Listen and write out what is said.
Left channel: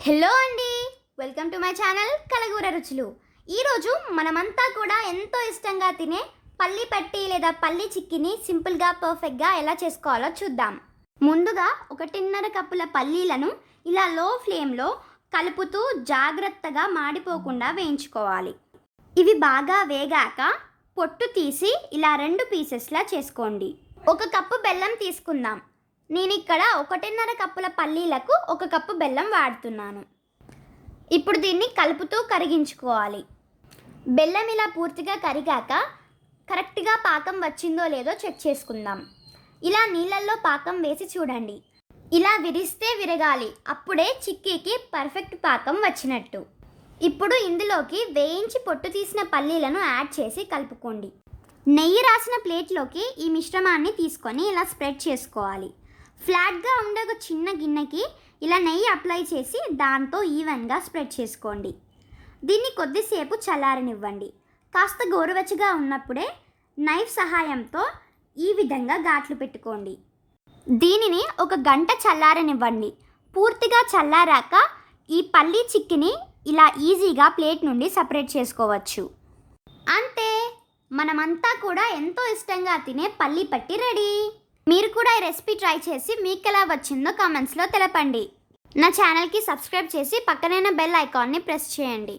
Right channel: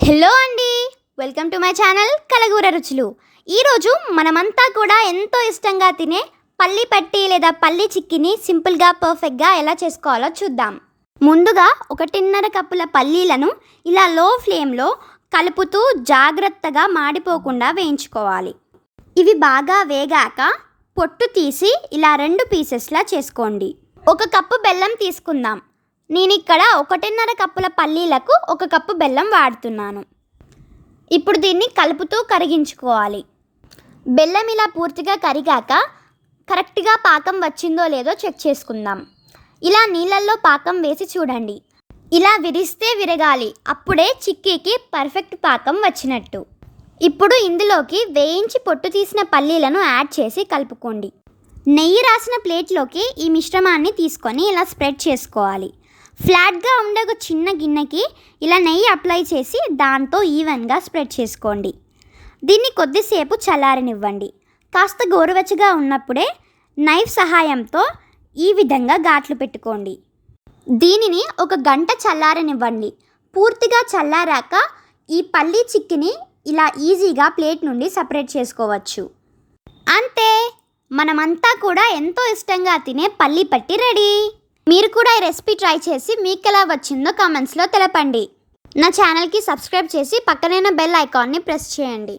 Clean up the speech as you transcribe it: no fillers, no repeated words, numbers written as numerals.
Hello అండి, welcome to my channel కలగూర రుచులు. ఈరోజు మనమంతా కూడా ఎంతో ఇష్టంగా తినే పల్లి పట్టి లేదా పల్లి చిక్కిని సింపుల్గా పర్ఫెక్ట్గా ఎలా చేసుకోవాలో చూద్దాం. ముందుగా 1.5 కప్పుల పల్లీలను ఇలా లో ఫ్లేమ్లో కలుపుతూ జాగ్రత్తగా మాడిపోకుండా వేయించుకోవాలి. ఇవి బాగా వేగాక పొట్టు తీసి ఇలా 2 పీసెస్లా చేసుకోండి. 1 కప్పు బెల్లం తీసుకుందాం. నేను ఇక్కడ 1.5 కప్పుల పల్లీలకు 1 కప్పు బెల్లం వాడుతున్నాను. ఇప్పుడు దీన్ని కలుపుతూ కరిగించుకోవాలి. బెల్లం ఇలా పూర్తిగా కరిగాక కరెక్ట్గా పాకం వచ్చిందో లేదో చెక్ చేసుకుందాం. ఇలా నీళ్ళల్లో పాకం వేసి చూడండి. ఇలా విరిస్తే విరగాలి, అప్పుడే చిక్కీకి పర్ఫెక్ట్ పాకం వచ్చినట్టు. ఇప్పుడు ఇందులోకి వేయించి పొట్టు తీసిన పల్లీలను యాడ్ చేసి కలుపుకోండి. నెయ్యి రాసిన ప్లేట్లోకి ఈ మిశ్రమాన్ని తీసుకొని ఇలా స్ప్రెడ్ చేసుకోవాలి. ఫ్లాట్గా ఉండే ఒక చిన్న గిన్నెకి ఇలా నెయ్యి అప్లై చేసి దాంతో ఈవెన్గా స్ప్రెడ్ చేసుకోండి. దీన్ని కొద్దిసేపు చల్లారనివ్వండి. కాస్త గోరువెచ్చగా ఉన్నప్పుడే నైఫ్ సహాయంతో ఈ విధంగా ఘాట్లు పెట్టుకోండి. దీనిని 1 గంట చల్లారనివ్వండి. పూర్తిగా చల్లారాక ఈ పల్లి చిక్కిని ఇలా ఈజీగా ప్లేట్ నుండి సపరేట్ చేసుకోవచ్చు. అంతే, మనమంతా కూడా ఎంతో ఇష్టంగా తినే పల్లి పట్టి రెడీ. మీరు కూడా ఈ రెసిపీ ట్రై చేసి మీకు ఎలా వచ్చిందో కామెంట్స్లో తెలపండి. నా ఛానల్కి సబ్స్క్రైబ్ చేసి పక్కనైన బెల్ ఐకాన్ని ప్రెస్ చేయండి.